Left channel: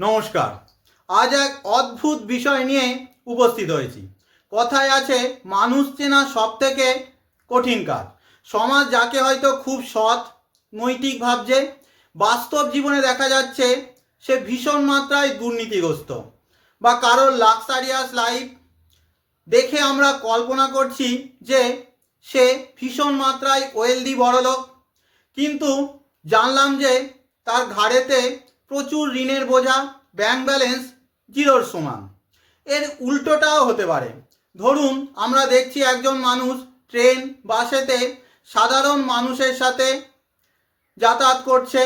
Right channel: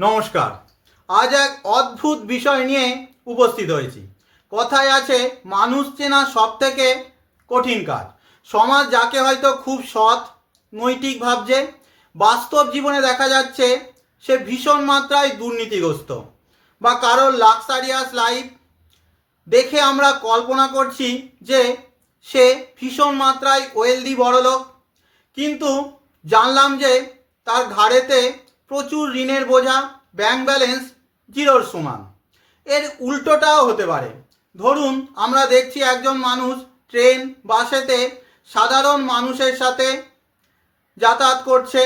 নমস্কার। আজ এক অদ্ভুত বিষয় নিয়ে উপস্থিত হয়েছি। কথায় আছে, মানুষ চেনা সব থেকে কঠিন কাজ। সমাজ যাকে হয়তো খুব সৎ, নৈতিক ভাবছে, বাস্তব জীবনে দেখা যাচ্ছে সে ভীষণ মাত্রায় দুর্নীতিগ্রস্ত। বা কারোর লাক্সারিয়াস লাইফ দেখে আমরা কল্পনা করছি যে সে ভীষণ মাত্রায় ওয়েলদি বড়লোক। কিন্তু জানলাম যে তার ঘাড়েতে প্রচুর ঋণের বোঝা ব্যাংক ব্যালেন্স জিরোর সমান। এর উল্টোটাও হতে পারে। ধরুন, আমরা দেখছি একজন মানুষ ট্রেন বাসেতে সাধারণ মানুষের সাথে যাতায়াত করছে।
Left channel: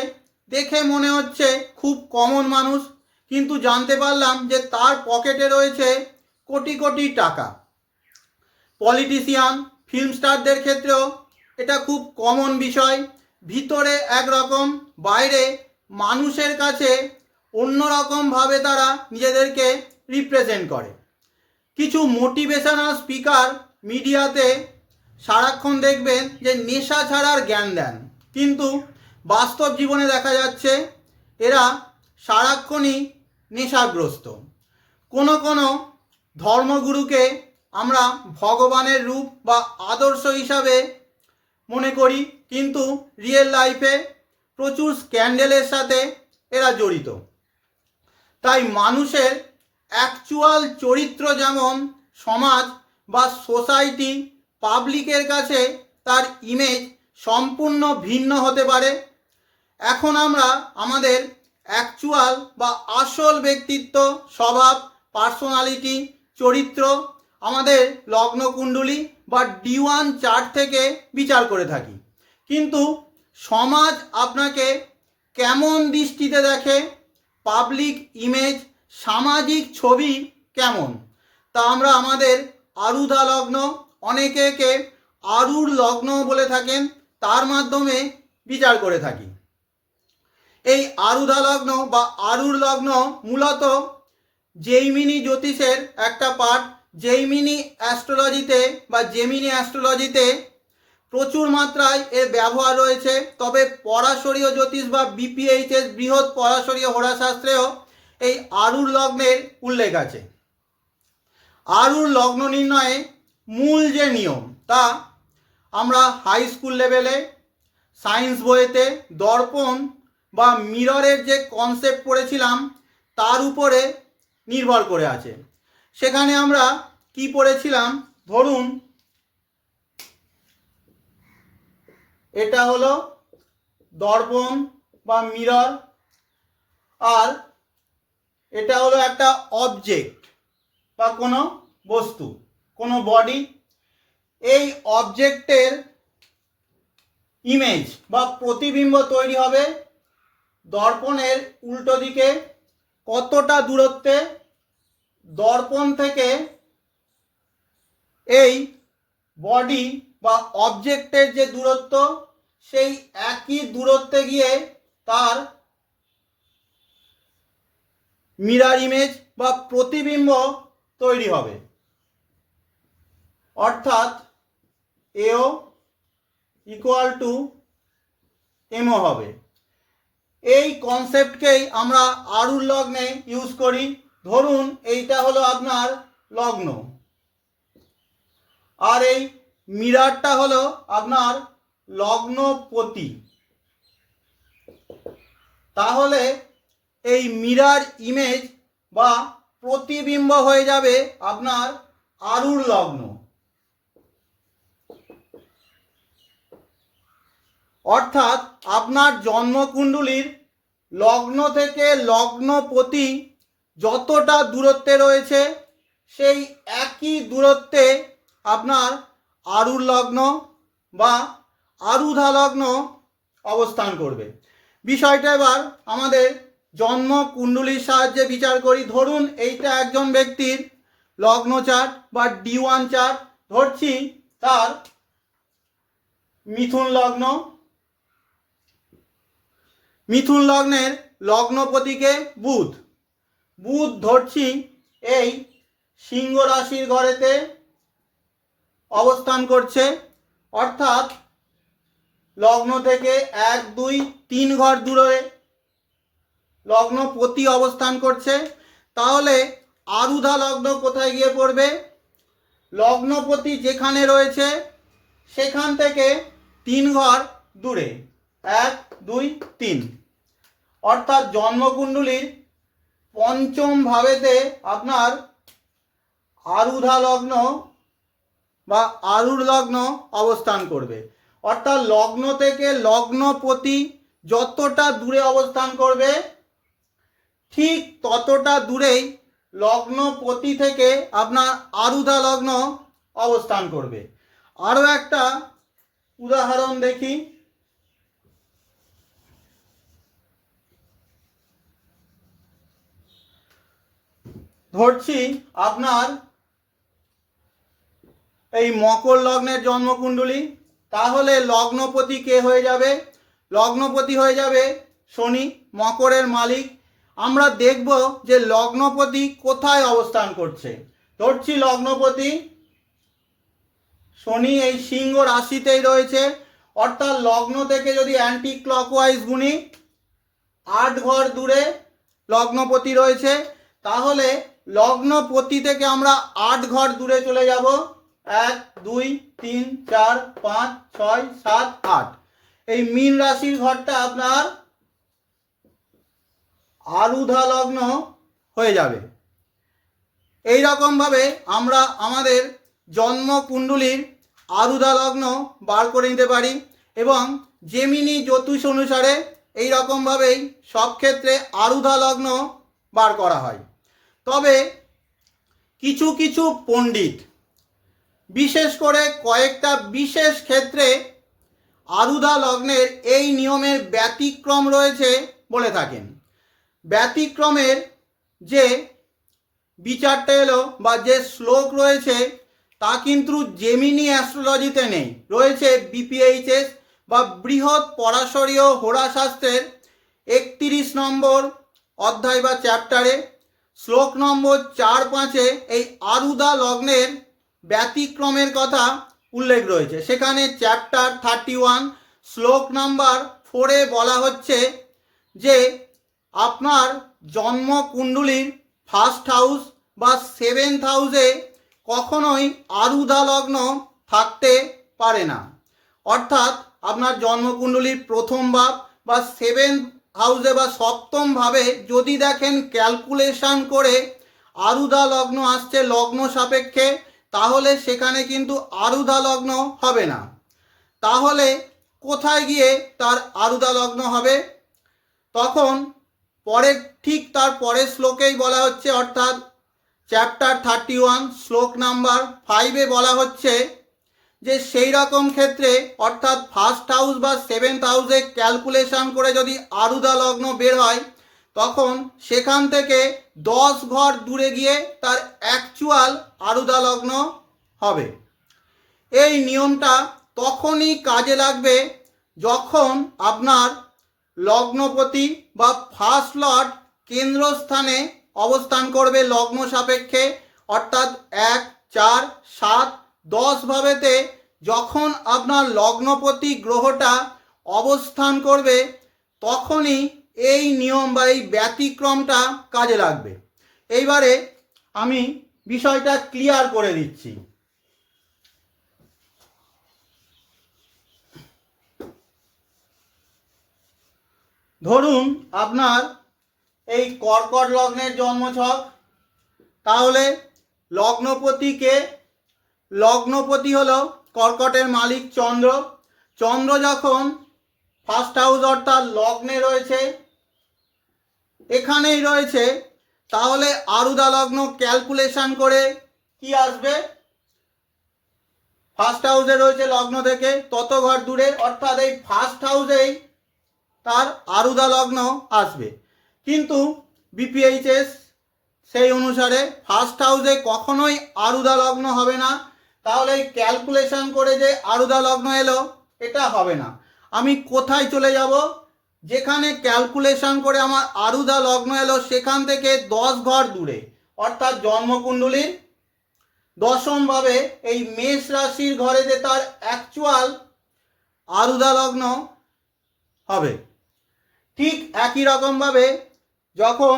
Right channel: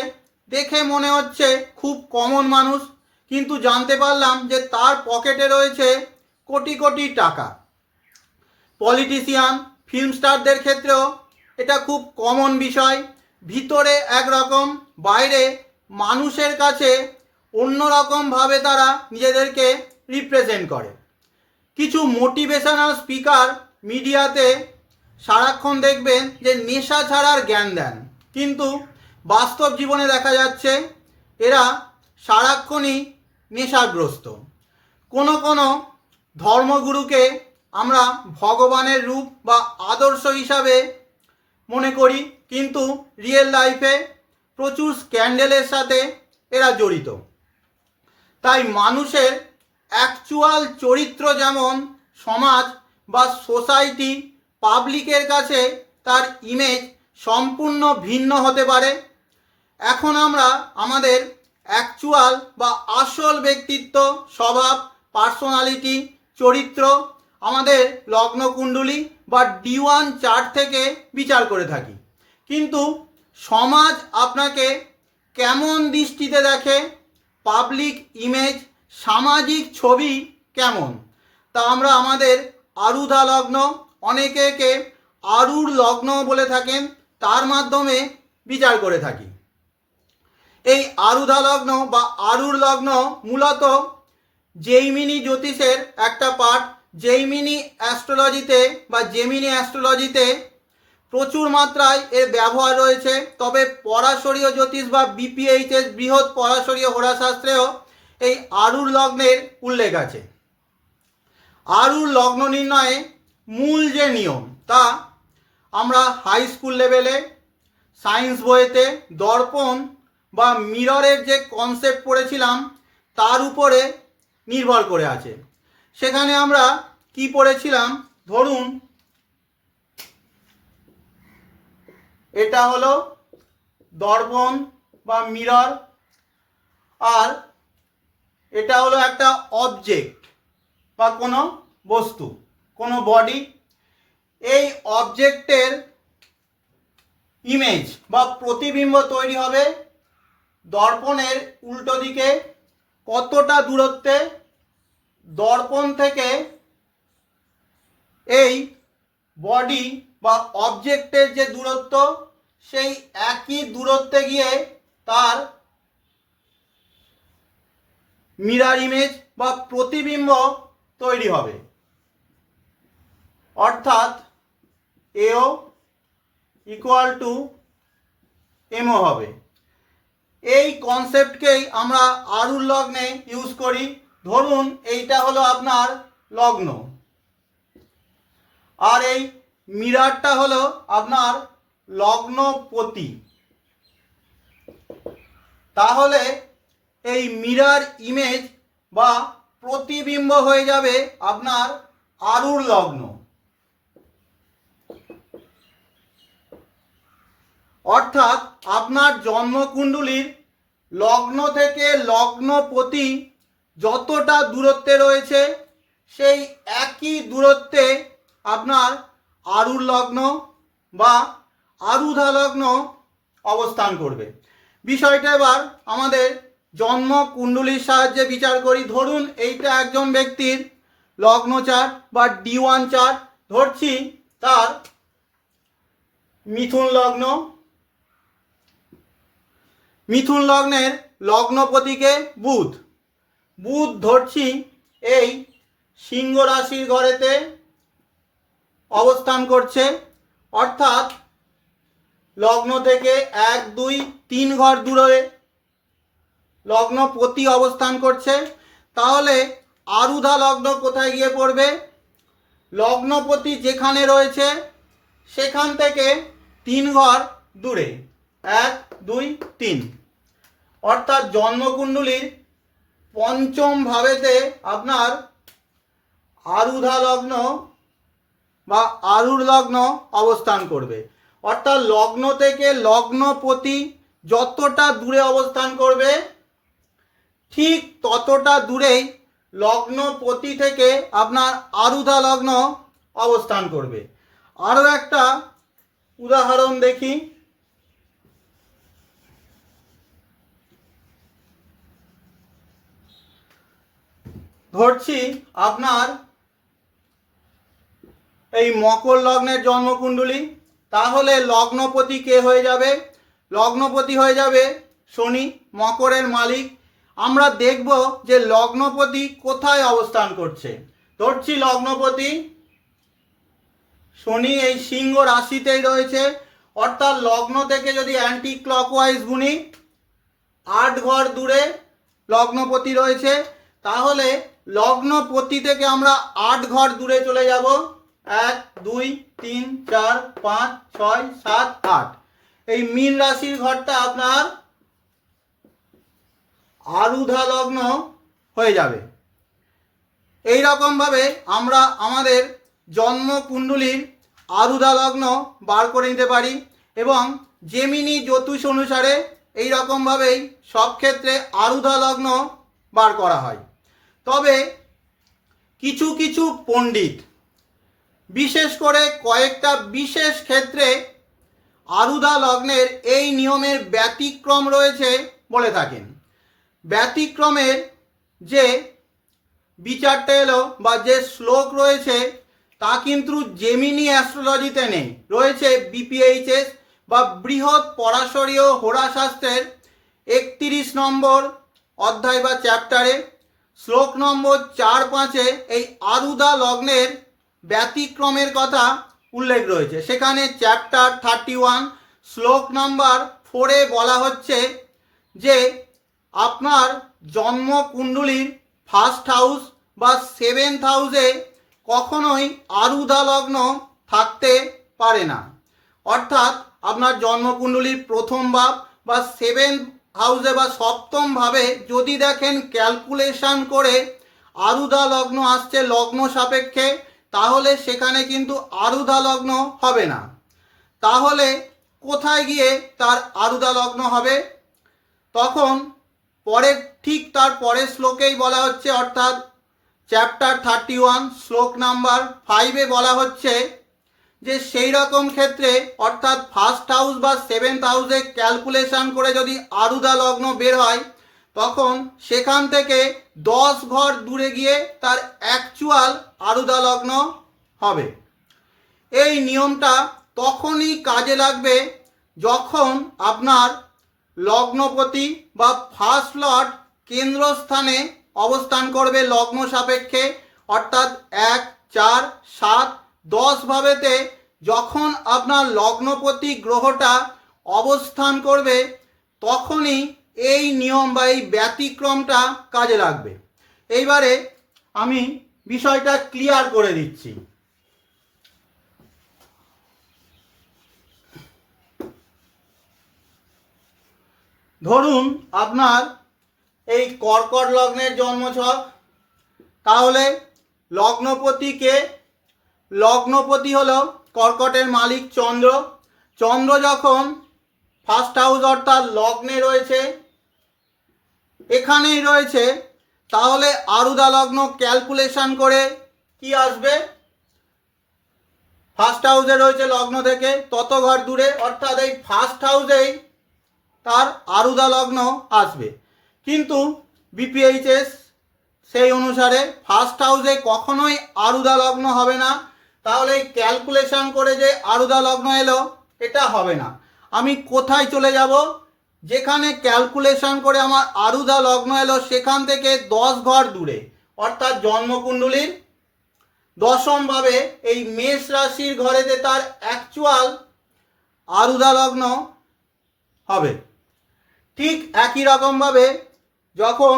দেখে মনে হচ্ছে খুব কমন মানুষ, কিন্তু জানতে পারলাম যে তার পকেটে রয়েছে কোটি কোটি টাকা। পলিটিশিয়ান ফিল্ম স্টারদের ক্ষেত্রেও এটা খুব কমন বিষয়। ভিতরে একরকম, বাইরে মানুষের কাছে অন্যরকমভাবে তারা নিজেদেরকে রিপ্রেজেন্ট করে। কিছু মোটিভেশনাল স্পিকার মিডিয়াতে সারাক্ষণ দেখবেন যে নেশা ছাড়ার জ্ঞান দেন। কিন্তু বাস্তব জীবনে দেখা যাচ্ছে এরা সারাক্ষণই নেশাগ্রস্ত। কোনো কোনো ধর্মগুরুকে আমরা ভগবানের রূপ বা আদর্শ হিসাবে মনে করি, কিন্তু রিয়েল লাইফে প্রচুর স্ক্যান্ডেলের সাথে এরা জড়িত। তাই মানুষের অ্যাকচুয়াল চরিত্র যেমন সমাজ বা সোসাইটি পাবলিকের কাছে তার ইমেজ সম্পূর্ণ ভিন্ন হতে পারে। এখন আমরা আমাদের অ্যাকচুয়াল বা আসল ব্যক্তিত্ব, স্বভাব পার্সোনালিটি চরিত্র, আমাদের লগ্নকুণ্ডলী বা ডি ওয়ান চার্ট থেকে বিচার করে থাকি। কিন্তু সমাজ আপনাকে কেমন দৃষ্টিতে দেখে? পাবলিক ইমেজ সামাজিক ছবি কেমন? তা আমরা আমাদের আরুধা লগ্ন, অনেকে একে আরুর লগ্ন বলে থাকেন, তার মাধ্যমে বিচার করে থাকি। এই আরুধা লগ্ন বা আরুর লগ্ন মূলত জেইমিনি জ্যোতিষের একটা পার্ট জেইমিনি অ্যাস্ট্রোলজিতে বা জেমিনি অ্যাস্ট্রোলজিতে প্রচুর মাত্রায় এর ব্যবহার রয়েছে। তবে পরাশরীয় জ্যোতিষ বা বিপিএইচএস বৃহৎ পরাশরীয় হোরাশাস্ত্রেও এই আরুর লগ্নের উল্লেখ আছে। আরুর লগ্ন নির্ণয়ে মূল যে নিয়ম তা আমরা হাই স্কুল লেভেলে সায়েন্স বইতে, দর্পণ বা মিররের যে কনসেপ্ট পড়েছিলাম, তার উপরে নির্ভর করে আছে। সেখানে আমরা কি পড়েছিলাম? ধরুন এটা হলো দর্পণ বা মিরর। আর এটা হলো একটা অবজেক্ট বা কোনো বস্তু, কোনো বডি এই অবজেক্টের ইমেজ বা প্রতিবিম্ব তৈরি হবে দর্পণের উল্টো দিকে। কতটা দূরত্বে দর্পণ থেকে এই বডি বা অবজেক্টের যে দূরত্ব, সেই একই দূরত্বে গিয়ে তার মিরার ইমেজ বা প্রতিবিম্ব তৈরি হবে। অর্থাৎ এও ইকুয়াল টু এমও হবে। এই কনসেপ্টকেই আমরা আরুর লগ্নে ইউজ করি। ধরুন, এইটা হলো আপনার লগ্ন। আর এই মিরারটা হলো আপনার লগ্নপতি। তাহলে এই মিরার ইমেজ বা প্রতিবিম্ব হয়ে যাবে আপনার আরুর লগ্ন। অর্থাৎ আপনার জন্মকুণ্ডলীর লগ্ন থেকে লগ্নপতি যতটা দূরত্বে রয়েছে, সেই একই দূরত্বে আপনার আরুর লগ্ন বা আরুধা লগ্ন অবস্থান করবে। বিষয়টা এবার আমাদের জন্ম কুণ্ডলীর সাহায্যে বিচার করি। ধরুন এইটা একজন ব্যক্তির লগ্ন বা ডি ওয়ান চার্ট ধরছি তার মিথুন লগ্ন। মিথুন লগ্নের লগ্নপতিকে বুধ। বুধ ধরছি এই সিংহ রাশির ঘরেতে। অবস্থান করছে। অর্থাৎ লগ্ন থেকে এক, দুই, তিন ঘর দূরে লগ্ন প্রতি অবস্থান করছে। তাহলে আরুধা লগ্ন কোথায় গিয়ে পড়বে? লগ্নপতি যেখানে রয়েছে, সেখান থেকে তিন ঘর দূরে। এক, দুই, তিন। অর্থাৎ জন্মকুণ্ডলীর পঞ্চম ভাবেতে আপনার আরুধা লগ্ন বা আরুর লগ্ন অবস্থান করবে। অর্থাৎ লগ্ন থেকে লগ্নপতি যতটা দূরে অবস্থান করবে, ঠিক ততটা দূরেই লগ্নপতি থেকে আপনার আরুধা লগ্ন অবস্থান করবে। আরও একটা উদাহরণ দেখি। ধরছি আপনার এই মকর লগ্নের জন্মকুণ্ডলী, তাহলে লগ্নপতি কে হয়ে যাবে? লগ্নপতি হয়ে যাবে শনি, মকরের মালিক। আমরা দেখব যে লগ্নপতি কোথায় অবস্থান করছে। ধরছি লগ্নপতি, শনি এই সিংহ রাশিতেই রয়েছে। অর্থাৎ লগ্ন থেকে যদি অ্যান্টি ক্লকওয়াইজ গুণি, আট ঘর দূরে লগ্নপতি রয়েছে, তাহলে লগ্নপতি থেকে আমরা আট ঘর দূরে চলে যাব। এক, দুই, তিন, চার, পাঁচ, ছয়, সাত, আট। এই মীন রাশির ঘরটা আপনার আলুধা লগ্ন হয়ে যাবে। এই রকমভাবে আমরা আমাদের জন্ম কুণ্ডলীর আরুধা লগ্ন বার করে নিতে পারি এবং জেমিনি জ্যোতিষ অনুসারে এই রকমভাবেই সব ক্ষেত্রে আরুধা লগ্ন বার করা হয়। তবে কিছু কিছু পণ্ডিত বিশেষ করে কয়েকটা বিশেষ ক্ষেত্রে আরুধা লগ্নের এই নিয়মের ব্যতিক্রম রয়েছে বলে থাকেন। ব্যতিক্রমের যে বিচারটা এলো বা যে শ্লোক রয়েছে, তা কিন্তু জেমিনি অ্যাস্ট্রোলজিতে নেই। রয়েছে বিপিএইচএস বা বৃহৎ পরাশরীয় হোরাশাস্ত্রের একত্রিশ নম্বর অধ্যায় বা চ্যাপ্টারে শ্লোক নম্বর চার পাঁচে এই আরুদা লগ্নের ব্যতিক্রমের কথা উল্লেখ রয়েছে। সেখানে চ্যাপ্টার থার্টি ওয়ান শ্লোক নাম্বার ফোরে বলা হচ্ছে যে, আপনার জন্ম কুণ্ডলীর ফার্স্ট হাউস বা সেভেন্থ হাউসে কখনোই আরুদা লগ্ন থাকতে পারে না। অর্থাৎ আপনার জন্মকুণ্ডলীর প্রথম ভাব বা সেভেন হাউসে বা সপ্তম ভাবে যদি দেখেন ক্যালকুলেশন করে আরুদা লগ্ন আসছে লগ্ন সাপেক্ষে তাহলে সেখানে কিন্তু আরুদা লগ্ন হবে না। তাহলে কোথায় গিয়ে তার আরুদা লগ্ন হবে? তখন পরের, ঠিক তার পরের শ্লোকেই বলা হচ্ছে, অর্থাৎ চ্যাপ্টার থার্টি ওয়ান শ্লোক নাম্বার ফাইভে বলা হচ্ছে যে সেই রকম ক্ষেত্রে, অর্থাৎ ফার্স্ট হাউস বা সেভেন্থ হাউসে ক্যালকুলেশন করে যদি আরুদা লগ্ন বের হয় তখন সেখান থেকে দশ ঘর দূরে গিয়ে তার অ্যাকচুয়াল আরুদা লগ্ন হবে। এই নিয়মটা তখনই কাজে লাগবে যখন আপনার লগ্নপতি বা ফার্স্ট লর্ড কেন্দ্রস্থানে অবস্থান করবে লগ্ন সাপেক্ষে, অর্থাৎ এক, চার, সাত, দশ ভাবেতে যখন আপনার লগ্নপতি গ্রহটা অবস্থান করবে, তখনই এই নিয়ম বা এই ব্যতিক্রমটা কাজে লাগবে। এইবারে আমি বিষয়টা ক্লিয়ার করে দিচ্ছি। ধরুন আপনার এই কর্কট লগ্নের জন্মছক, তাহলে লগ্নপতিকে, লগ্নপতি হলো কর্কটের মালিক চন্দ্র। চন্দ্র যখন ফার্স্ট হাউস অর্থাৎ লগ্নে রয়েছে এখানেই রয়েছে। তাহলে আরুদা লগ্ন ক্যালকুলেশন করে কি আসবে? ফার্স্ট হাউসে রয়েছে লগ্ন থেকে তত ঘর দূরে, অর্থাৎ এই ফার্স্ট হাউসেই তার আরুদা লগ্ন আসবে। কিন্তু বিপিএইচএস সেই অনুসারে ফার্স্ট হাউসে কখনোই আরুদা লগ্ন হবে না। তাহলে এই ক্যালকুলেশন করে যে আরুদা লগ্ন এলো, এটা হবে না। আমি কোথায় চলে যাব? যেখানে ক্যালকুলেশন করে আমার আরুদা লগ্ন এলো, সেখান থেকে দশ ঘর দূরে। অর্থাৎ জন্মকুণ্ডলীর দশমভাবে এই মেষ রাশির ঘরেতে তার অ্যাকচুয়াল আরুদা লগ্ন হবে। ঠিক একই রকমভাবে যখন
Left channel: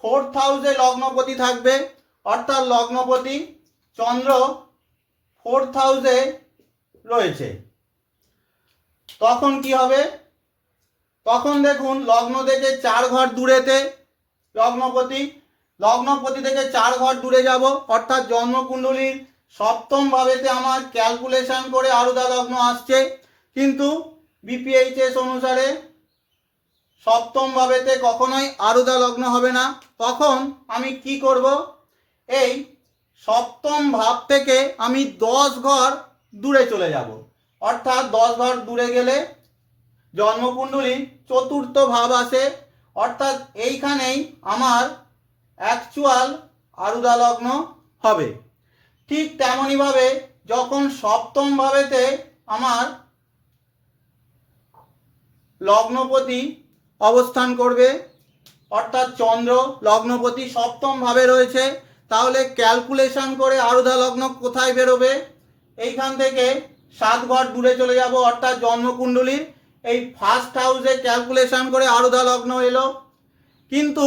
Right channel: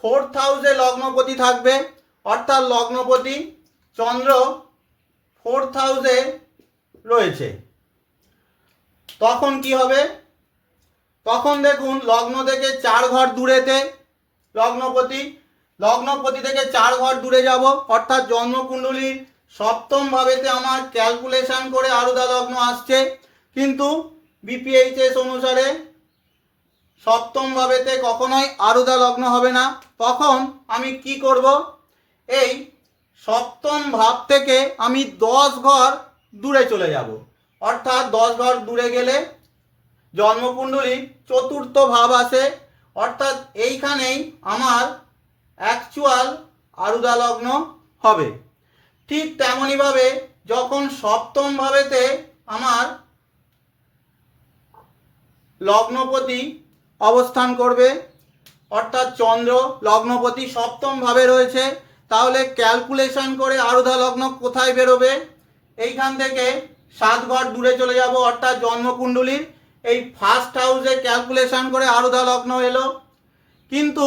ফোর্থ হাউসে লগ্নপতি থাকবে, অর্থাৎ লগ্নপতি চন্দ্র ফোর্থ হাউসে রয়েছে। তখন কি হবে? তখন দেখুন লগ্ন থেকে চার ঘর দূরেতে, লগ্নপতি লগ্নপতি থেকে চার ঘর দূরে যাব। অর্থাৎ জন্মকুণ্ডলীর সপ্তম ভাবেতে আমার ক্যালকুলেশন করে আরুদা লগ্ন আসছে। কিন্তু বিপিএইচএস অনুসারে সপ্তম ভাবেতে কখনোই আরুদা লগ্ন হবে না। তখন আমি কি করব? এই সপ্তম ভাব থেকে আমি দশ ঘর দূরে চলে যাব। অর্থাৎ দশ ঘর দূরে গেলে জন্মকুণ্ডলী চতুর্থ ভাব আসে। অর্থাৎ এইখানেই আমার অ্যাকচুয়াল আরুদা লগ্ন হবে। ঠিক তেমনইভাবে যখন সপ্তম ভাবেতে আমার লগ্নপতি অবস্থান করবে, অর্থাৎ চন্দ্র লগ্নপতি সপ্তম ভাবে রয়েছে, তাহলে ক্যালকুলেশন করে আরুধা লগ্ন কোথায় বেরোবে? এইখান থেকে সাত ঘর দূরে চলে যাব, অর্থাৎ জন্মকুণ্ডলীর এই ফার্স্ট হাউসে ক্যালকুলেশন করে আরুধা লগ্ন এলো। কিন্তু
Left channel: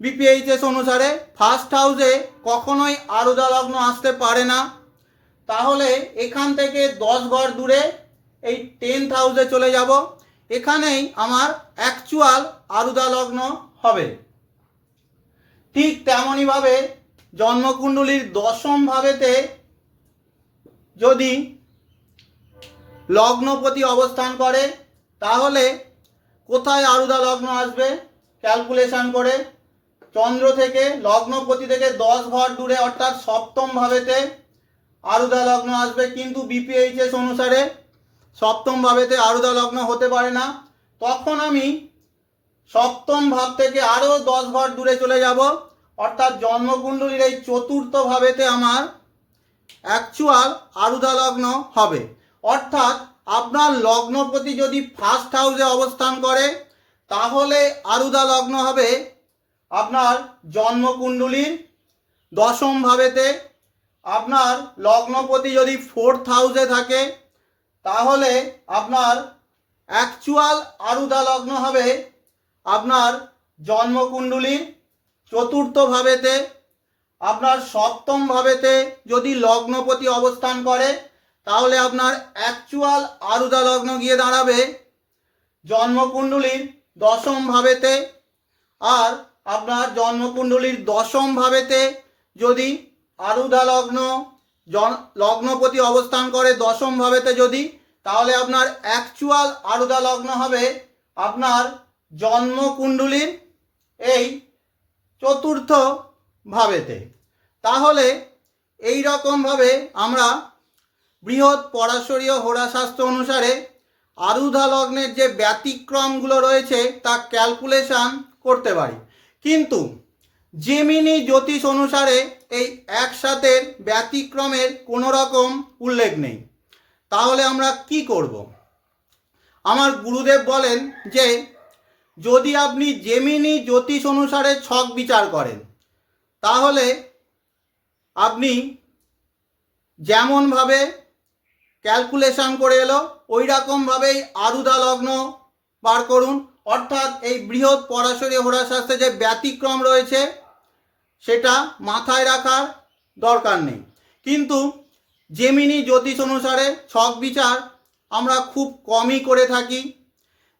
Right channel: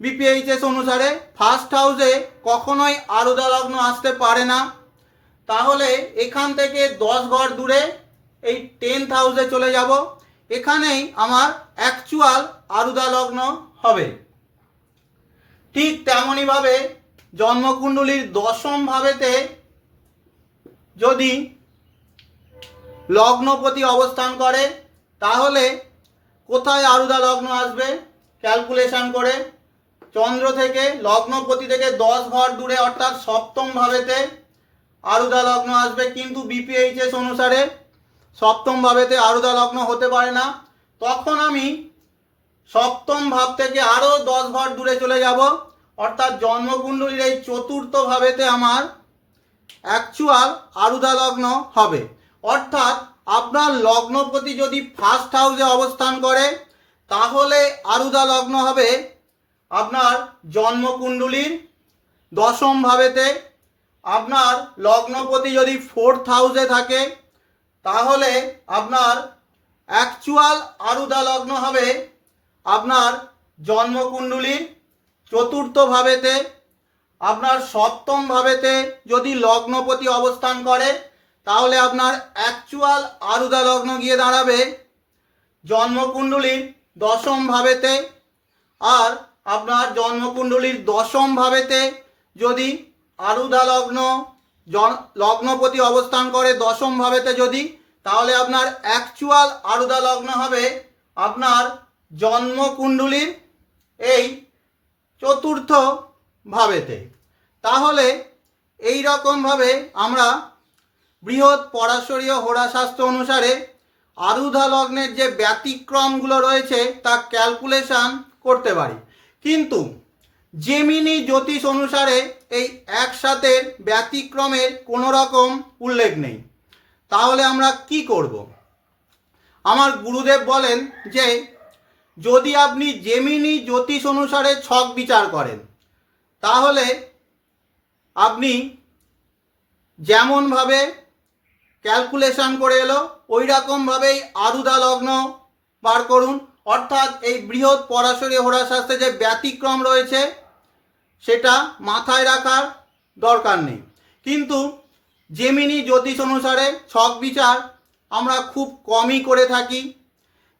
বিপিএইচএস অনুসারে ফার্স্ট হাউসে কখনোই আরুদা লগ্ন আসতে পারে না। তাহলে এখান থেকে দশ ঘর দূরে এই টেন্থ হাউসে চলে যাব। এখানেই আমার অ্যাকচুয়াল আরুদা লগ্ন হবে। ঠিক তেমনইভাবে জন্মকুণ্ডলীর দশম ভাবেতে যদি লগ্নপতি অবস্থান করে, তাহলে কোথায় আরুদা লগ্ন আসবে? ক্যালকুলেশন করে, চন্দ্র থেকে লগ্নপতি থেকে দশ ঘর দূরে, অর্থাৎ সপ্তম ভাবেতে আরুদা লগ্ন আসবে, কিন্তু বিপিএইচএস অনুসারে সপ্তম ভাবেতে আরুদা লগ্ন হতে পারে না। তখন আমি সপ্তম ভাব থেকে আরও দশ ঘর দূরে চলে যাব, অর্থাৎ জন্মকুণ্ডলীর এই চতুর্থ ভাবেতে আমার অ্যাকচুয়াল আরুদা লগ্ন হবে। অর্থাৎ আপনার লগ্নপতি যদি ফার্স্ট হাউসে অবস্থান করে, তাহলে আরুদা লগ্ন হবে আপনার জন্মকুণ্ডলীর দশম ভাবেতে। আপনার লগ্নপতি যদি ফোর্থ হাউসে থাকে, তাহলে আপনার অ্যাকচুয়াল আরুদা লগ্ন হবে আপনার জন্মকুণ্ডলীর চতুর্থ ভাবেতে। আপনার সপ্তম ভাবেতে যদি লগ্নপতি অবস্থান করে তাহলে আপনার অ্যাকচুয়াল আরুদা লগ্ন গিয়ে দাঁড়াবে জন্মকুণ্ডলীর দশম ভাবেতে। আর আপনার জন্মকুণ্ডলীর দশম ভাবেতে যদি আরুদা লগ্ন লগ্নপতি অবস্থান করে দশম ভাবেতে যদি, তাহলে আপনার অ্যাকচুয়াল আরুদা লগ্ন হবে আপনার জন্মকুণ্ডলীর এই চতুর্থ ভাবেতে। তাহলে এই রকমভাবে আমরা বৃহৎ পরাশরীয় হোরাশাস্ত্র অনুসারে আরুধা লগ্নের যে ব্যতিক্রমগুলো রয়েছে তা ক্যালকুলেশন করতে পারি। কিন্তু জেমিনি জ্যোতিষ অনুসারে এই একসাথে ব্যতিক্রমের কোনো রকম উল্লেখ নেই। তাহলে আমরা কি করব? আমার গুরুদেব বলেন যে, যদি আপনি জেমিনি জ্যোতিষ অনুসারে ছক বিচার করেন, তাহলে আপনি যেমনভাবে ক্যালকুলেশন করে এলো ওই রকমভাবেই আরুদা লগ্ন বার করুন। অর্থাৎ এই বৃহৎ পরাশরী হোরাশাস্ত্রে যে ব্যতিক্রম রয়েছে, সেটা মাথায় রাখার দরকার নেই। কিন্তু জেমিনি জ্যোতিষ অনুসারে ছক বিচার আমরা খুব কমই করে থাকি।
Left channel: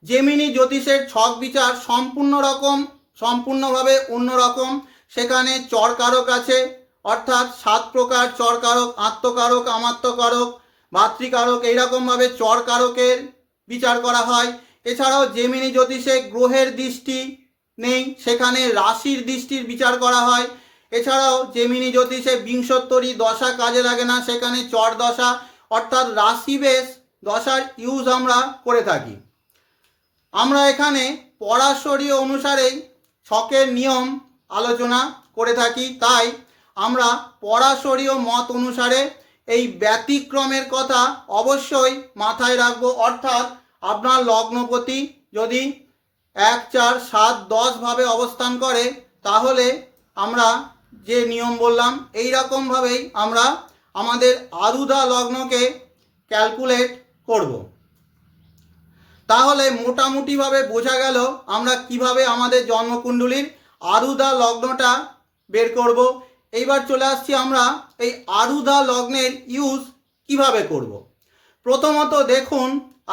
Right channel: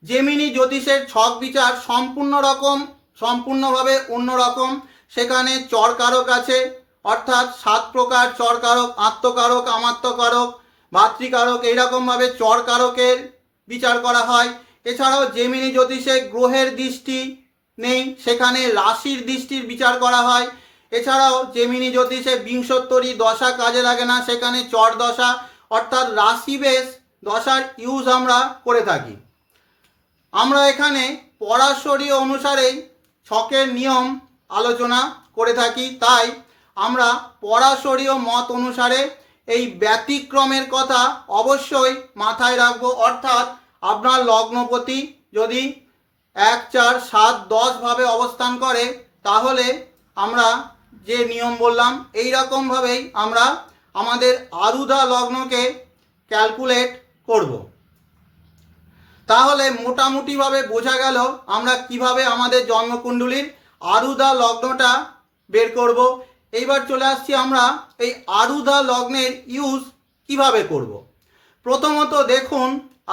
জেমিনি জ্যোতিষের ছক বিচার সম্পূর্ণ রকম, সম্পূর্ণভাবে অন্যরকম সেখানে চরকারক আছে, অর্থাৎ সাত প্রকার চরকারক, আত্মকারক, আমাত্মকারক মাতৃকারক এইরকমভাবে চরকারকের বিচার করা হয়। এছাড়াও জেমিনি জ্যোতিষে গ্রহের দৃষ্টি নেই, সেখানে রাশির দৃষ্টির বিচার করা হয়। এছাড়াও জেমিনি জ্যোতিষে বিংশোত্তরী দশা কাজে লাগে না, সেখানে চর দশা অর্থাৎ রাশি বেশ দশার ইউজ আমরা করে থাকি। আমরা এখানে পরাশরীয় অনুসারেই ছকের নিয়ম আলোচনা করে থাকি। তাই আমরা পরাশরীয় মত অনুসারে এই ব্যতিক্রমের কথা অবশ্যই মাথায় রাখব। অর্থাৎ আপনার লগ্নপতি যদি এক, চার, সাত, দশ ভাবে অবস্থান করে, তাহলে আমরা যে নিয়ম বললাম, এই রকমভাবেই আমরা আমাদের আরুদা লগ্নকে ক্যালকুলেট করব। তাহলে মোটামুটিভাবে বোঝা গেল আমরা কীভাবে আমাদের জন্মকুণ্ডলীর আরুদা লগ্নটা বের করব। এইবার চলে আসছি আমরা এই আরুদা লগ্নের ইউজ কীভাবে করব। প্রথমত দেখুন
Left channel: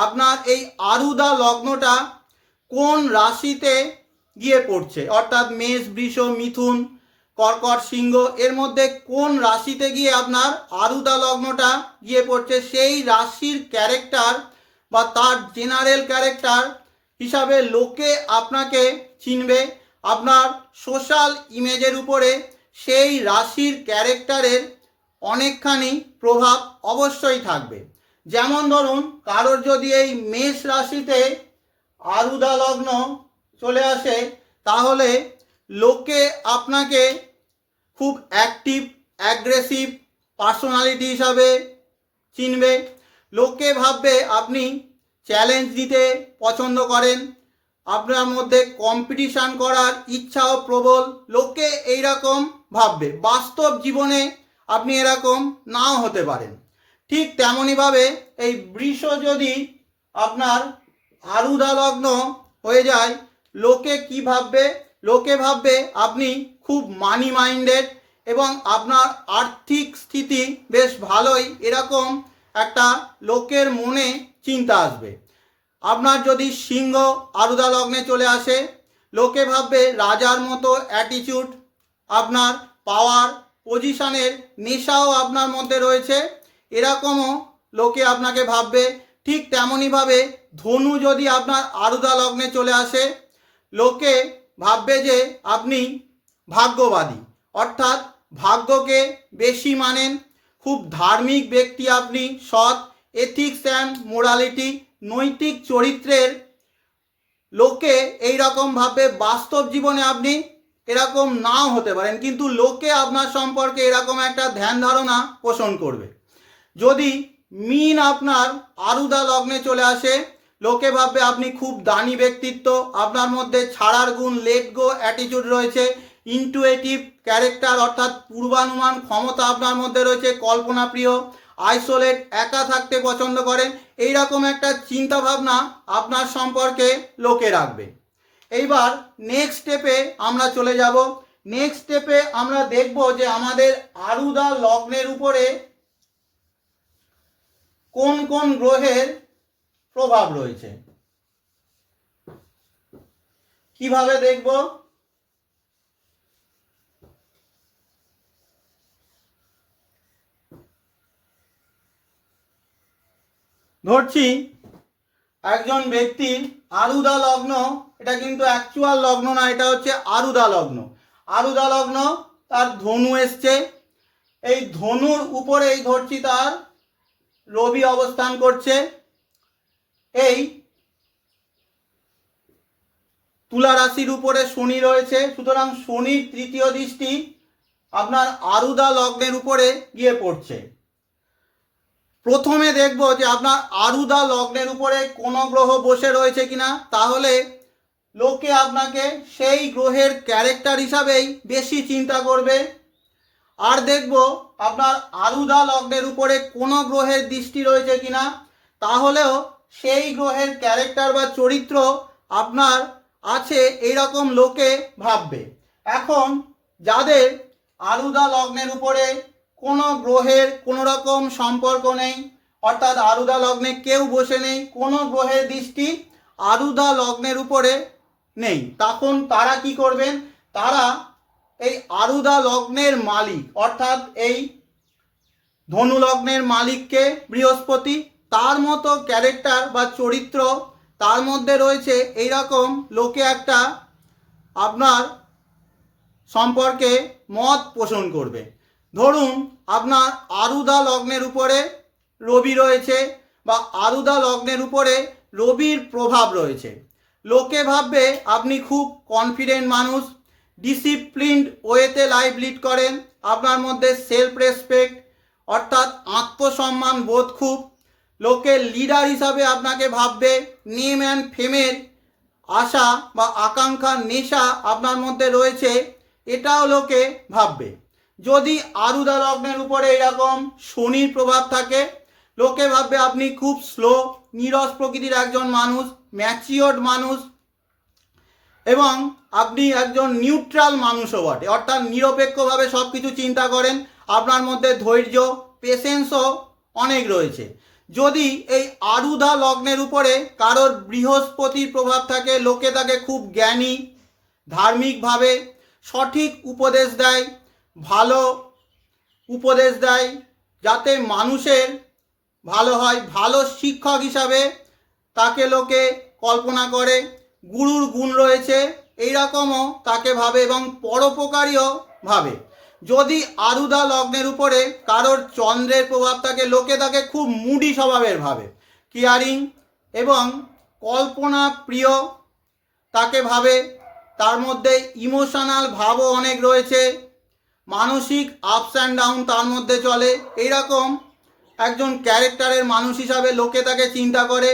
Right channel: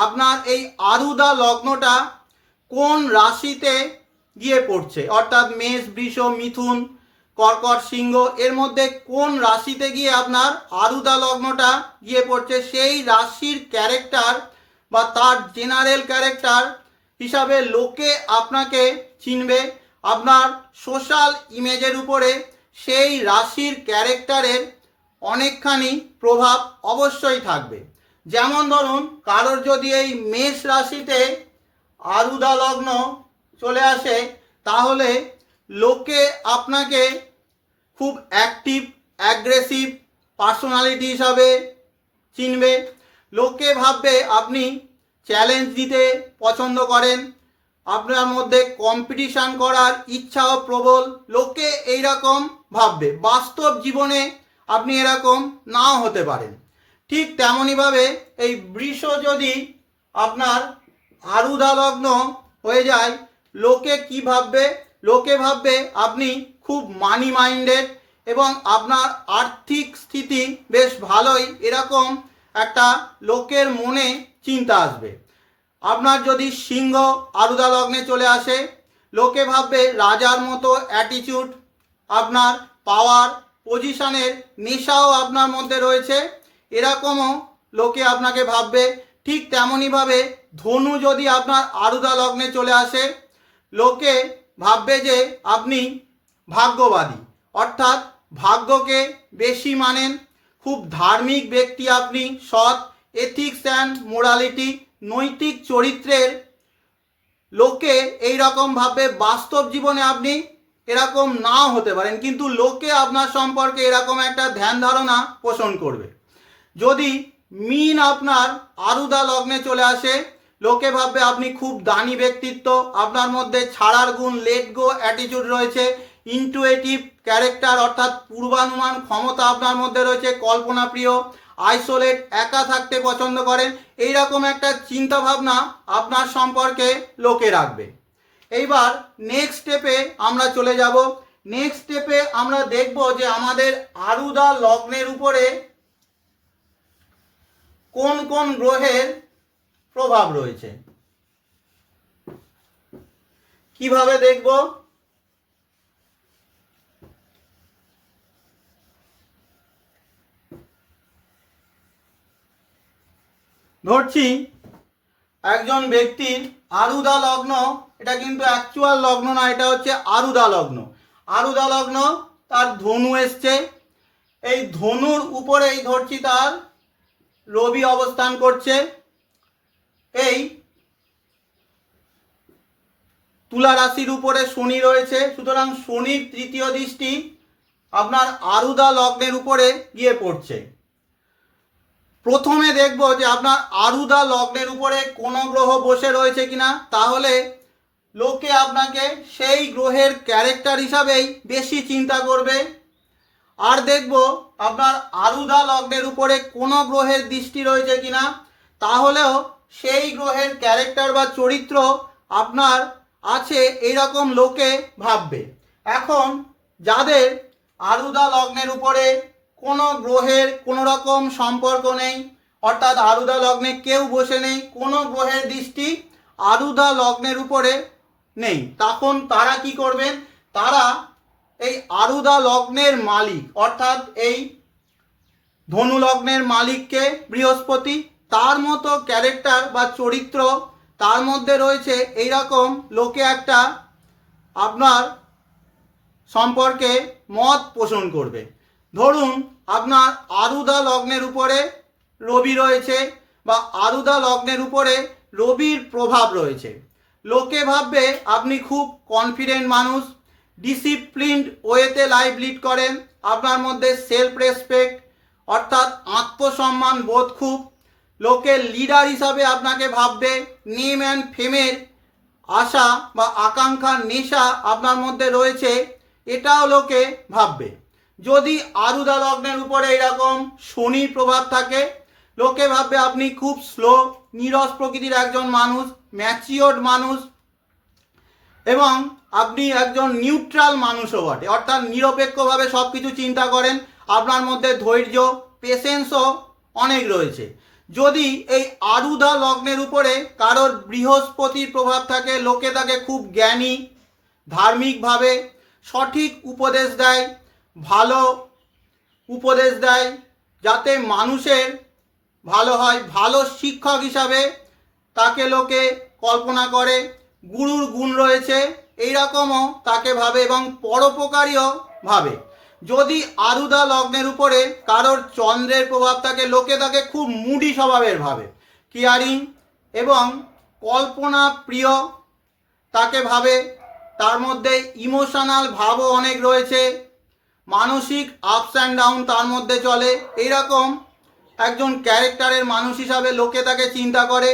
আপনার এই আরুদা লগ্নটা কোন রাশিতে গিয়ে পড়ছে, অর্থাৎ মেষ, বৃষ, মিথুন, কর্কট, সিংহ, এর মধ্যে কোন রাশিতে গিয়ে আপনার আরুদা লগ্নটা গিয়ে পড়ছে, সেই রাশির ক্যারেক্টার বা তার জেনারেল ক্যারেক্টার হিসাবে লোকে আপনাকে চিনবে আপনার সোশ্যাল ইমেজের উপরে সেই রাশির ক্যারেক্টারের অনেকখানি প্রভাব অবশ্যই থাকবে। যেমন ধরুন, কারোর যদি এই মেষ রাশিতে আরুদা লগ্ন চলে আসে, তাহলে লোকে আপনাকে খুব অ্যাক্টিভ অ্যাগ্রেসিভ পার্সোনালিটি হিসাবে চিনবে। লোকে ভাববে আপনি চ্যালেঞ্জ দিতে পছন্দ করেন। আপনার মধ্যে কম্পিটিশান করার ইচ্ছাও প্রবল, লোকে এইরকম ভাববে। বাস্তব জীবনে আপনি এরকম নাও হতে পারেন। ঠিক তেমনইভাবে এই বৃষ যদি আপনার আরুদা লগ্ন হয়ে যায়, লোকে কি ভাববে? লোকে ভাববে আপনি খুব মানি মাইন্ডেড এবং আপনার আর্থিক স্থিতি বেশ ভালোই। এরকম একটা লোকের মনে চিন্তা আসবে। আপনার যদি সিংহ আরুদা লগ্নে চলে আসে, লোকে ভাববে রাজার মতো অ্যাটিটিউড আপনার পাওয়ার পজিশনের নেশাও আপনার মধ্যে রয়েছে। এরকমও লোকে আপনাকে ভাববে, ঠিক তেমনইভাবে ধনু যদি আপনার আরুদা লগ্নে চলে আসে, লোকে ভাববে যে আপনি ভাগ্যবাদী। অর্থাৎ ভাগ্যকে বেশি মানেন, খুব ধার্মিক ব্যক্তি আপনি, সৎ এথিক্স অ্যান্ড মোরালিটি নৈতিক চরিত্রের লোকে এই রকম ভাবে বাস্তব জীবনে আপনি এরকম নাও হতে পারেন, কিন্তু লোকে আপনার সম্পর্কে এরকম একটা ধ্যান ধারণা পোষণ করবে। যদি মিন আপনার আরুদা লগ্নে চলে আসে, লোকে ভাববে আপনি খুব দানি ব্যক্তিত্ব, আপনার মধ্যে ছাড়ার গুণ লেট গো অ্যাটিটিউড রয়েছে ইন্টুয়েটিভ ক্যারেক্টার অর্থাৎ পূর্বানুমান ক্ষমতা আপনার মধ্যে রয়েছে কল্পনা প্রিয় আইসোলেট একা থাকতে পছন্দ করেন এই রকম একটা চিন্তা ভাবনা আপনার সম্পর্কে লোকে রাখবে। এইবার নেক্সট স্টেপে আমরা চলে যাব। নেক্সট স্টেপে আমরা দেখব যে আমাদের আরুদা লগ্নের উপরে কোন কোন গ্রহের প্রভাব রয়েছে। কীভাবে দেখব? ধরছি, একজন ব্যক্তির আরুদা লগ্ন, এটা কিন্তু অ্যাকচুয়াল লগ্ন না, এটা হচ্ছে আরুদা লগ্ন। আরুদা লগ্ন, তার ধনু এসছে। এই ধনুর উপরেই ধরছি তার রবি অবস্থান করছে। এই তুলা রাশির উপরে শনি রয়েছে, সুতরাং শনির তৃতীয় দৃষ্টি আপনার আরুদা লগ্নের উপরে গিয়ে পড়ছে। প্রথমে দেখব যে আপনার আরুদা লগ্নের উপরে কোন গ্রহ বসে রয়েছে কিনা। তাহলে লোকে আপনাকে সেই গ্রহের ক্যারেক্টার হিসাবেই বেশি চিন্তা করবে। আর দেখব আপনার আরুদা লগ্নের উপরে কোনো গ্রহের দৃষ্টি রয়েছে কিনা। তাহলেও সেই গ্রহের ক্যারেক্টার বা চরিত্র আপনার আছে এইরকম লোকে ভাববে। এখন যাদের আরুদা লগ্নের উপরে কোনো গ্রহের কোনো রকম সম্পর্ক নেই। অর্থাৎ আরুদা লগ্নে কেউ বসে নেই, কোনো গ্রহের দৃষ্টি আরুদা লগ্নের উপরে নেই। তখন তারা কি করবেন? তারা এই আরুদা লগ্নের মালিক, অর্থাৎ এই ধনু লগ্নের মালিককে বৃহস্পতি, তার মতো ক্যারেক্টার বা চরিত্র তার মধ্যে রয়েছে এই রকম লোকে একটা আপনার সম্পর্কে মত পোষণ করবে। ধরুন আপনার আরুদা লগ্নের উপরে রবি রয়েছে বা আরুদা লগ্নের উপরে রবির প্রভাব রয়েছে। লোকে ভাববে আপনি খুব কনফিডেন্ট মানুষ ডিসিপ্লিনড ওয়েতে লাইফ লিড করেন, আপনার মধ্যে সেলফ রেসপেক্ট অর্থাৎ আত্মসম্মান বোধ খুব। লোকে লিডার হিসাবে আপনাকে ভাববে নেম অ্যান্ড ফেমের আশা বা আকাঙ্ক্ষার নেশা আপনার মধ্যে রয়েছে, এটাও লোকে ভাববে। যদি আরুদা লগ্নের উপরে এরকম শনির প্রভাব থাকে, লোকে ভাববে আপনি খুব স্লো নিরস প্রকৃতির একজন মানুষ ম্যাচিওর্ড মানুষ এবং আপনি একজন নিউট্রাল মানুষও বটে। অর্থাৎ নিরপেক্ষভাবে সব কিছু চিন্তা করেন, আপনার মধ্যে ধৈর্য পেশেন্সও অনেক রয়েছে। যদি এই আরুদা লগ্নের উপরে কারোর বৃহস্পতির প্রভাব থাকে, লোকে তাকে খুব জ্ঞানী, ধার্মিকভাবে সঠিক উপদেশ দেয় ভালো উপদেশ দেয় যাতে মানুষের ভালো হয়, ভালো শিক্ষক হিসাবে তাকে লোকে কল্পনা করে, গুরুর গুণ রয়েছে, এইরকমও তাকে ভাবে এবং পরোপকারীও ভাবে। যদি আরুদা লগ্নের উপরে কারোর চন্দ্রের প্রভাব থাকে, লোকে তাকে খুব মুডি স্বভাবের ভাবে। কেয়ারিং এবং কল্পনা প্রিয় তাকে ভাবে। তার মধ্যে ইমোশনাল ভাবও অনেক রয়েছে। মানসিক আপস অ্যান্ড ডাউন তার মধ্যে চলে। এইরকম একজন ক্যারেক্টারের মানুষ হিসাবে লোকে তাকে চিন্তা করে,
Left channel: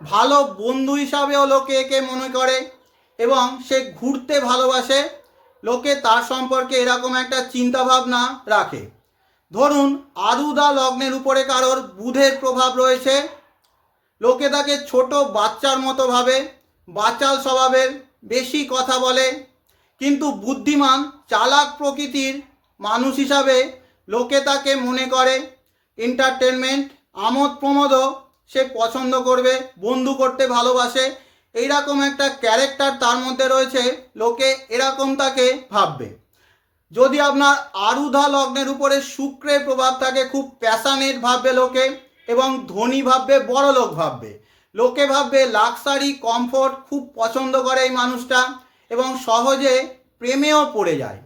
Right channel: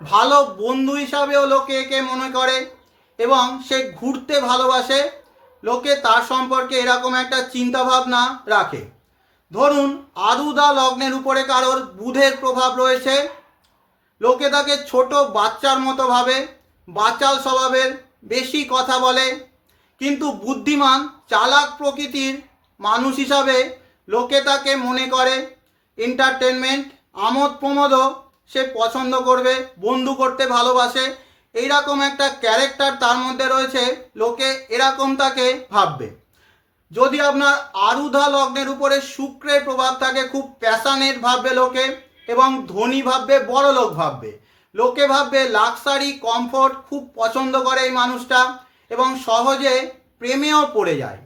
ভালো বন্ধু হিসাবেও লোকে একে মনে করে এবং সে ঘুরতে ভালোবাসে। লোকে তার সম্পর্কে এরকম একটা চিন্তা ভাবনা রাখে। ধরুন, আরুদা লগ্নের উপরে কারোর বুধের প্রভাব রয়েছে। লোকে তাকে ছোট বাচ্চার মতো ভাবে, বাচাল স্বভাবের বেশি কথা বলে। কিন্তু বুদ্ধিমান, চালাক প্রকৃতির মানুষ হিসাবে লোকে তাকে মনে করে। এন্টারটেনমেন্ট আমোদ প্রমোদও সে পছন্দ করবে, বন্ধু করতে ভালোবাসে। এইরকম একটা ক্যারেক্টার তার মধ্যে রয়েছে, লোকে এরকম তাকে ভাববে। যদি আপনার আরুধা লগ্নের উপরে শুক্রের প্রভাব থাকে, খুব প্যাশানেট ভাববে লোকে এবং ধনী ভাববে, বড় লোক ভাববে। লোকে ভাববে লাক্সারি কমফোর্ট খুব পছন্দ করে এই মানুষটা এবং সহজে প্রেমেও পড়ে যায়।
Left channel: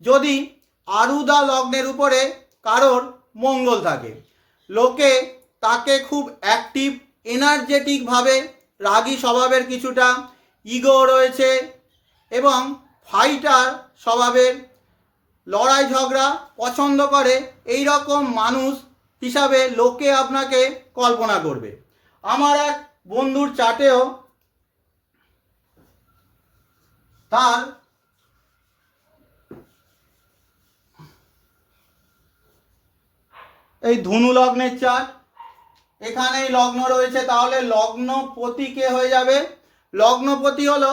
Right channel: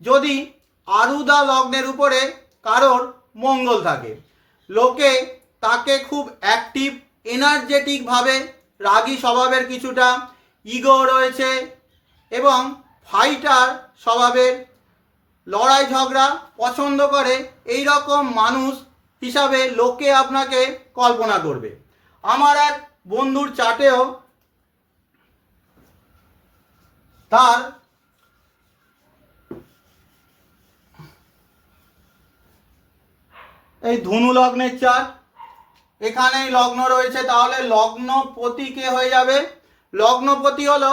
যদি আরুদা লগ্নের উপরে কারোর মঙ্গল থাকে। লোকে তাকে খুব অ্যাক্টিভ এনার্জেটিকভাবে রাগী স্বভাবের কিছুটা ইগো রয়েছে এবং ফাইটার স্বভাবের লড়াই ঝগড়া পছন্দ করে এই রকম মানুষ হিসাবে লোকে আপনাকে কল্পনা করবে। আমার এক বন্ধুর চাটেও তার এই ধনু লগ্নের চার। এখানেই লগ্ন রয়েছে, তাহলে লগ্নপতি কে হয়ে যাবে? লগ্নপতি হলো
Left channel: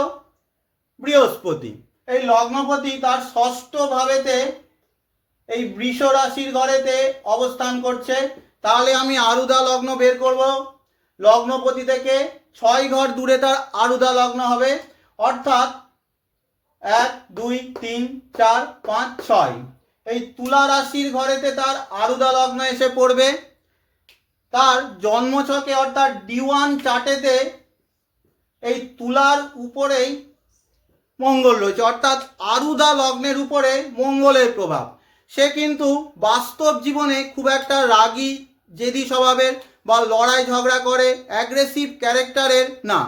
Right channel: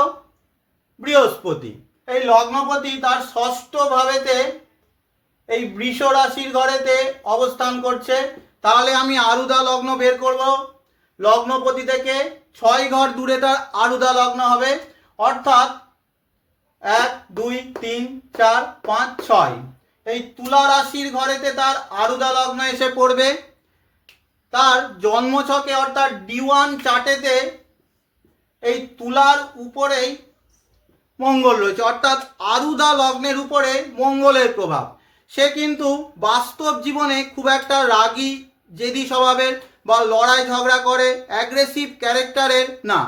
বৃহস্পতি। এই লগ্নপতি তার ষষ্ঠ ভাবেতে এই বৃষ রাশির ঘরেতে অবস্থান করছে। তাহলে আমি আরুদা লগ্ন বের করব। লগ্নপতি থেকে ছয় ঘর দূরে তার আরুদা লগ্ন হবে। অর্থাৎ এক, দুই, তিন, চার, পাঁচ, ছয়। এই তুলা রাশির ঘরেতে তার আরুদা লগ্ন এসে পড়বে। তার জন্মছকে অর্থাৎ ডি ওয়ান চার্টেতে এই তুলার উপরেই মঙ্গল রয়েছে। অর্থাৎ আরুদা লগ্নের উপরে মঙ্গলের প্রভাব। সে কিন্তু বাস্তব জীবনে খুব একটা রাগী, জেদি স্বভাবের বা লড়াই ঝগড়া করে অ্যাগ্রেসিভ ক্যারেক্টারের না।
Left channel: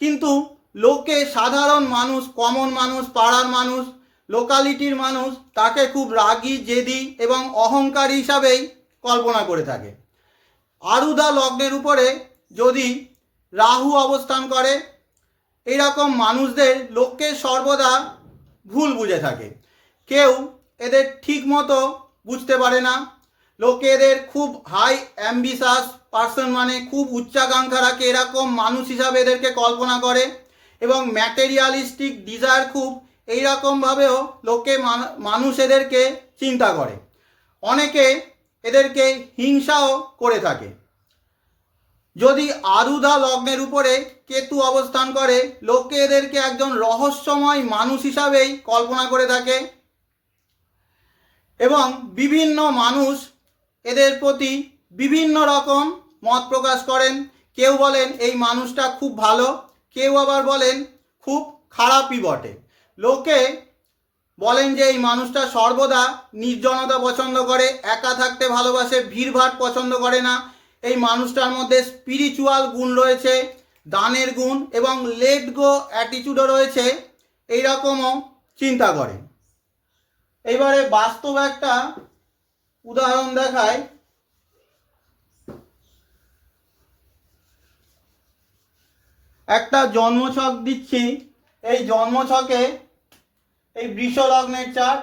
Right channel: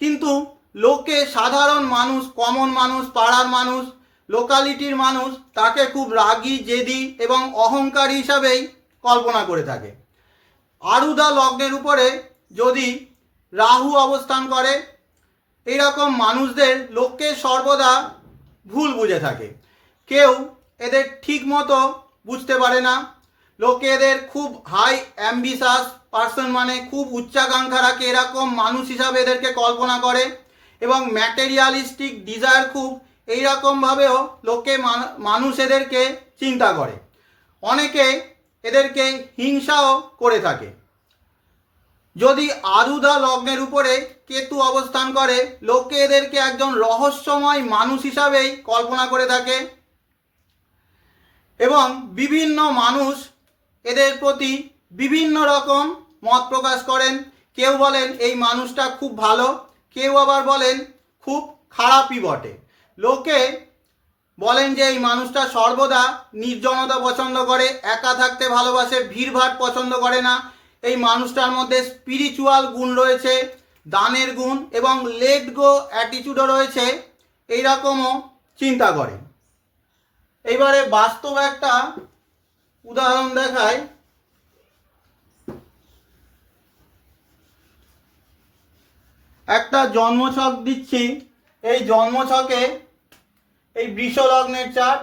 কিন্তু লোকে সাধারণ মানুষ কমন মানুষ, পাড়ার মানুষ লোকালিটির মানুষ তাকে খুব রাগী, জেদি এবং অহংকারী হিসাবেই কল্পনা করে থাকে। আরুদা লগ্নের উপরে যদি রাহু অবস্থান করে, এইরকম মানুষদের লোককে সর্বদা ভুল বুঝে থাকে। কেউ এদের ঠিক মতো বুঝতে পারে না। লোকে এদের খুব হাই অ্যাম্বিশাস পার্সন মানে খুব উচ্চাকাঙ্ক্ষা রাখে। এরকম মানুষ হিসাবে এদেরকে কল্পনা করে এবং ম্যাটেরিয়ালিস্টিক ডিজায়ার খুব এইরকমভাবেও লোকে মানুষ এদেরকে চিন্তা করে। অনেকে এদেরকে হিংসাও করে থাকে। যদি আরুদা লগ্নের উপরে কেতু অবস্থান করে, লোকে এদেরকে একজন রহস্যময় মানুষ হিসাবেই কল্পনা করে থাকে এবং বিভিন্ন মানুষ এদের প্রতি বিভিন্ন রকম মত প্রকাশ করেন। কেউ বলেন, এই মানুষটা খুব ভালো। কেউ আবার বলেন, খুব খারাপই বটে। লোকে বলেন যে এই মানুষটা সর্বদা নির্জনতা পছন্দ করে, একা থাকতে ভালোবাসে ভিড়ভাট পছন্দ করে না। এই মানুষটার মধ্যে স্পিরিচুয়াল গুণ রয়েছে, দানের গুণ এবং লেট গো অ্যাটিচিউডও রয়েছে এই রকমও চিন্তা করে। এইবারে বাস্তব একটা উদাহরণ দেখায়। একটা জন্মছক দিচ্ছি, এই জন্মছকে এই বৃষ লগ্নের চার্ট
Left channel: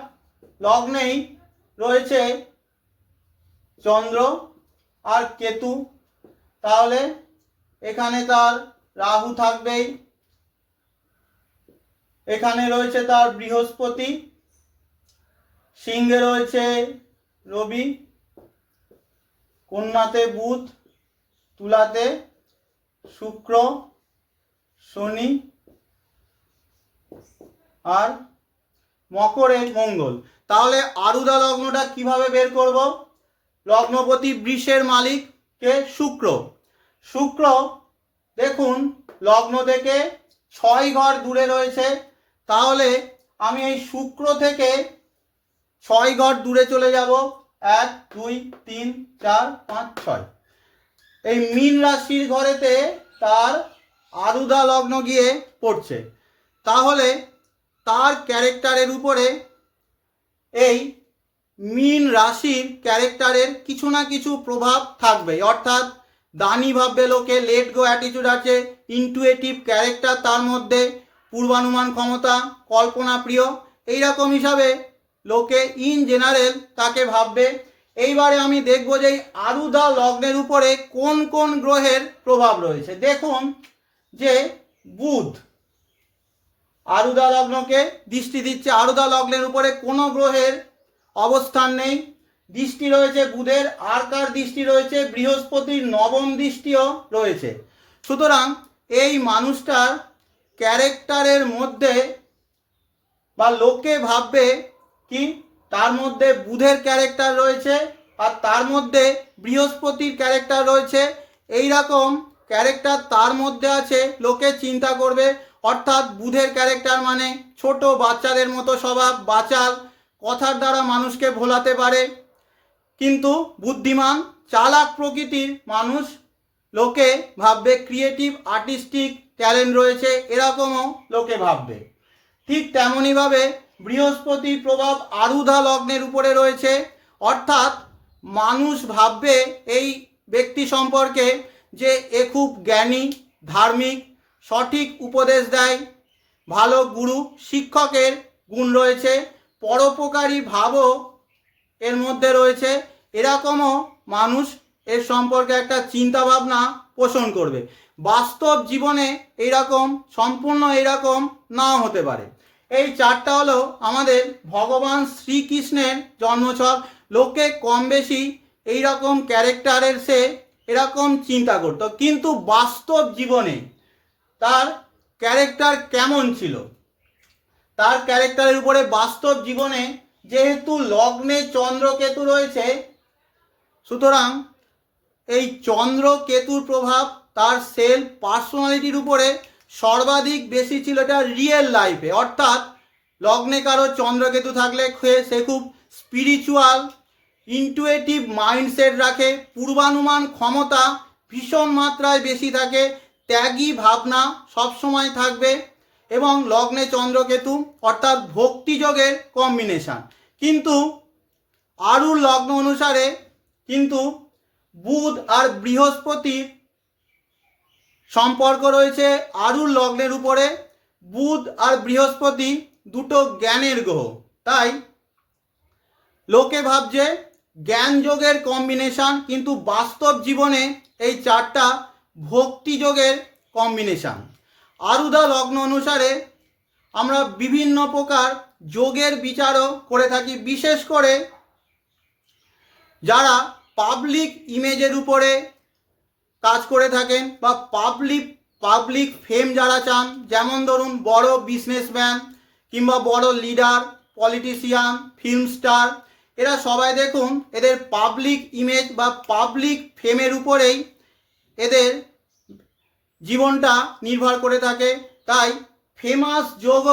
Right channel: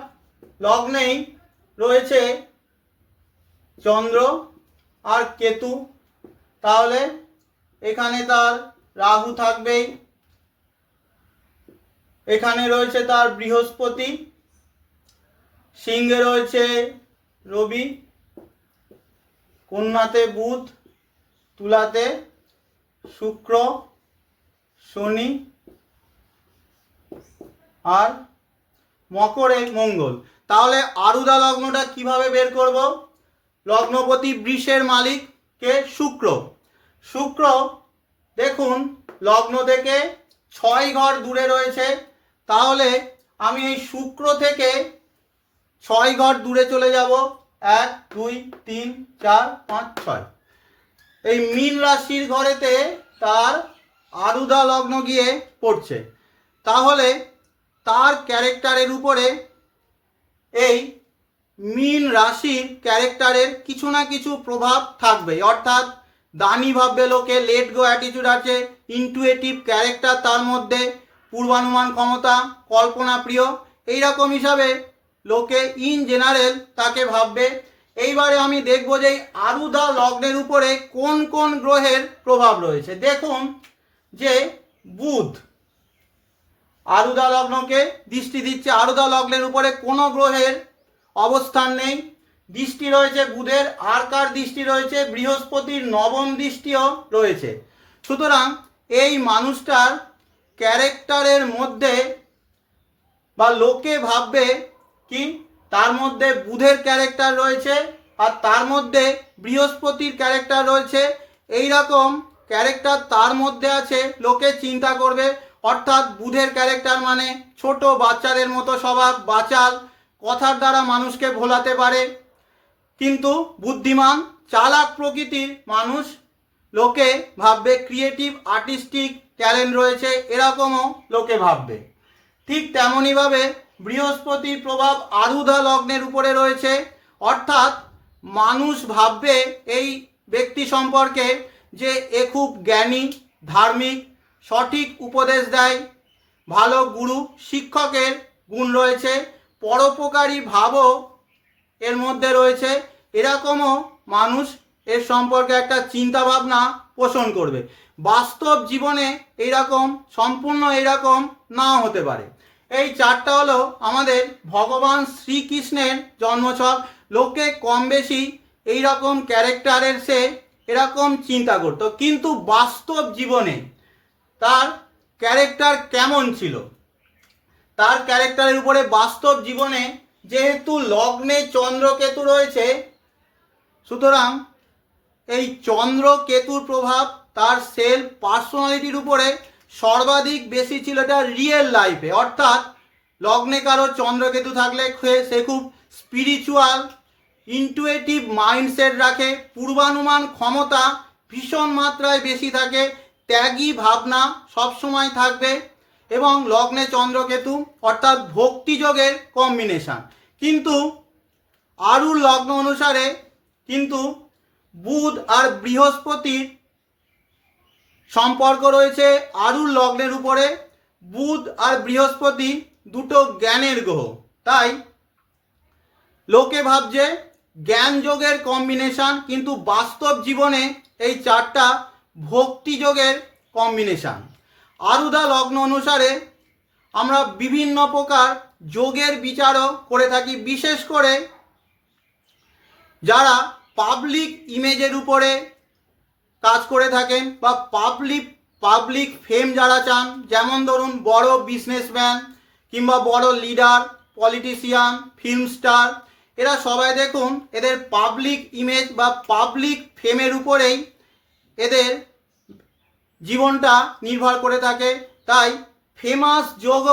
লগ্নেই রয়েছে চন্দ্র আর কেতু। তাহলে এখানে তার রাহু থাকবেই। এখানে রয়েছে তার বৃহস্পতি। সিংহে রয়েছে রবি। কন্যাতে বুধ, তুলাতে শুক্র, শনি আর মকরে মঙ্গল। তাহলে আরুদা লগ্নটা কীভাবে বের করব? লগ্নপতি বৃষের মালিক কে? শুক্র। শুক্র, দেখুন, লগ্ন থেকে ছয় ঘর দূরে রয়েছে। তাহলে আমি এই শুক্র থেকে ছয় ঘর দূরে চলে যাব। এক, দুই, তিন, চার, পাঁচ, ছয়। এই মীন রাশির ঘরেতে তার আরুদা লগ্ন গিয়ে পড়ছে। তাহলে তার ক্যারেক্টারের উপরে এই মিন রাশির ক্যারেক্টারের কিছু না কিছু প্রভাব থাকবে অর্থাৎ দানি ভাববে লোকে লেট গো অ্যাটিটিউড আছে ইনটুয়েটিভ ক্যারেক্টার তার মধ্যে পূর্বানুমান ক্ষমতা, কল্পনা প্রিয়, এইরকম হিসাবে লোকে ইন জেনারেল তাকে ভাববে। এইবারে আমি দেখব যে আরুদা লগ্নের উপরে কোন কোন গ্রহের প্রভাব রয়েছে। দেখুন যে বুধ আরুদা লগ্নকে দৃষ্টি দিচ্ছে। আরুদা লগ্নের উপরে কোনো গ্রহের অবস্থান নেই। দৃষ্টি রয়েছে বুধের। আর কার দৃষ্টি রয়েছে? বৃহস্পতির। নবম দৃষ্টিও রয়েছে। সুতরাং এই মানুষটার ক্যারেক্টারের মধ্যে বা লোকে ভাববে কি, তার মধ্যে বুধের ক্যারেক্টার রয়েছে আর তার মধ্যে বৃহস্পতির ক্যারেক্টার রয়েছে। এই রকম ক্যারেক্টার তার মধ্যে আছে। লোকে চিন্তা করবে অর্থাৎ বুধের ক্যারেক্টার মানে ছোট বাচ্চাদের মতো স্বভাব বাচাল কথার দ্বারা মানুষকে ভোলাতে পারে। কিন্তু বুদ্ধিমান, চালাক প্রকৃতির মানুষ লোকে ভাববে ক্রিয়েটিভ আর্টিস্টিক ট্যালেন্ট রয়েছে, এরকমও লোকে ভাববে। ঠিক তেমনইভাবে বৃহস্পতির প্রভাব আরুধা লগ্নের উপরে রয়েছে। অর্থাৎ মানুষ ভাববে এই ব্যক্তি সম্পর্কে যে এ খুব জ্ঞানী, ধার্মিক সঠিক উপদেশ দেয়। ভালো গুরু শিক্ষকের গুণ রয়েছে, পরোপকারী ভাবও এর মধ্যে রয়েছে। এরকমও মানুষ এর সম্পর্কে একটা চিন্তা ভাবনা পোষণ করবে। বাস্তব জীবনে এইরকম, সম্পূর্ণ এইরকম নাও হতে পারে। এই চারটা হলো আমাদের ভগবান শ্রীকৃষ্ণের জন্মছক। লোকে কম বেশি এইরকম ক্যারেক্টারের সে এরকম চিন্তা করতো। কিন্তু বাস্তব জীবনে তার ক্যারেক্টার কেমন ছিল? তার ক্যারেক্টারের উপরে বাস্তব জীবনে যেহেতু লগ্নে চন্দ্রকেতু রয়েছে, সুতরাং এই চন্দ্র কেতুর প্রভাব তার সেলফ পার্সোনালিটির উপরে সর্বাধিক বেশি ছিল এটা রিয়েল লাইফে অর্থাৎ লগ্নে কারও চন্দ্রকেতু থাকলে সে খুব স্পিরিচুয়াল ইনটুয়েটিভ মাইন্ডসেট রাখে, পূর্বানুমান ক্ষমতা ভীষণ মাত্রায় বেশি থাকে ত্যাগী ভাবনা সবসময় থাকবে এবং লগ্নে চন্দ্রকেতু অর্থাৎ ভক্তিযোগের কম্বিনেশন কিন্তু আরুর লগ্ন অনুসারে কিন্তু বুধ আর বৃহস্পতির সম্পর্ক রয়েছে আরুর লগ্নের উপরে। বুধ আর বৃহস্পতি দুটো জ্ঞানের গ্রহ। তাই লোকে ভাবছে জ্ঞান যোগের কম্বিনেশন কিন্তু বাস্তব জীবনে এই চারটা ভক্তি যোগের কম্বিনেশন আরুদা লগ্ন অনুসারে আমরা বিভিন্ন প্রকার যোগের বিচারও করে থাকি, বিশেষ করে যারা পাবলিক ইমেজের উপরে কাজ করে থাকেন বা পাবলিক পাবলিক ফেম যারা চান, যেমন ধরুন বড় বিজনেসম্যান কিংবা বড় লিডার পলিটিশিয়ান ফিল্ম স্টার এরা সবাই দেখুন এদের পাবলিক ইমেজ বা পাবলিক ফেমের উপরেই এদের জীবনটা নির্ভর করে থাকে। তাই ফেমাস যোগ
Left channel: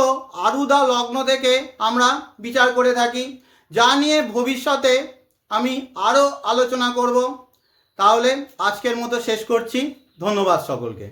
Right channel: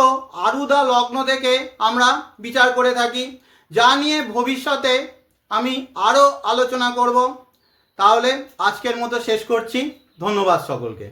আরুদা লগ্ন থেকে আমরা বিচার করে থাকি। যা নিয়ে ভবিষ্যতে আমি আরও আলোচনা করব। তাহলে আজকের মতো শেষ করছি। ধন্যবাদ সকলকে।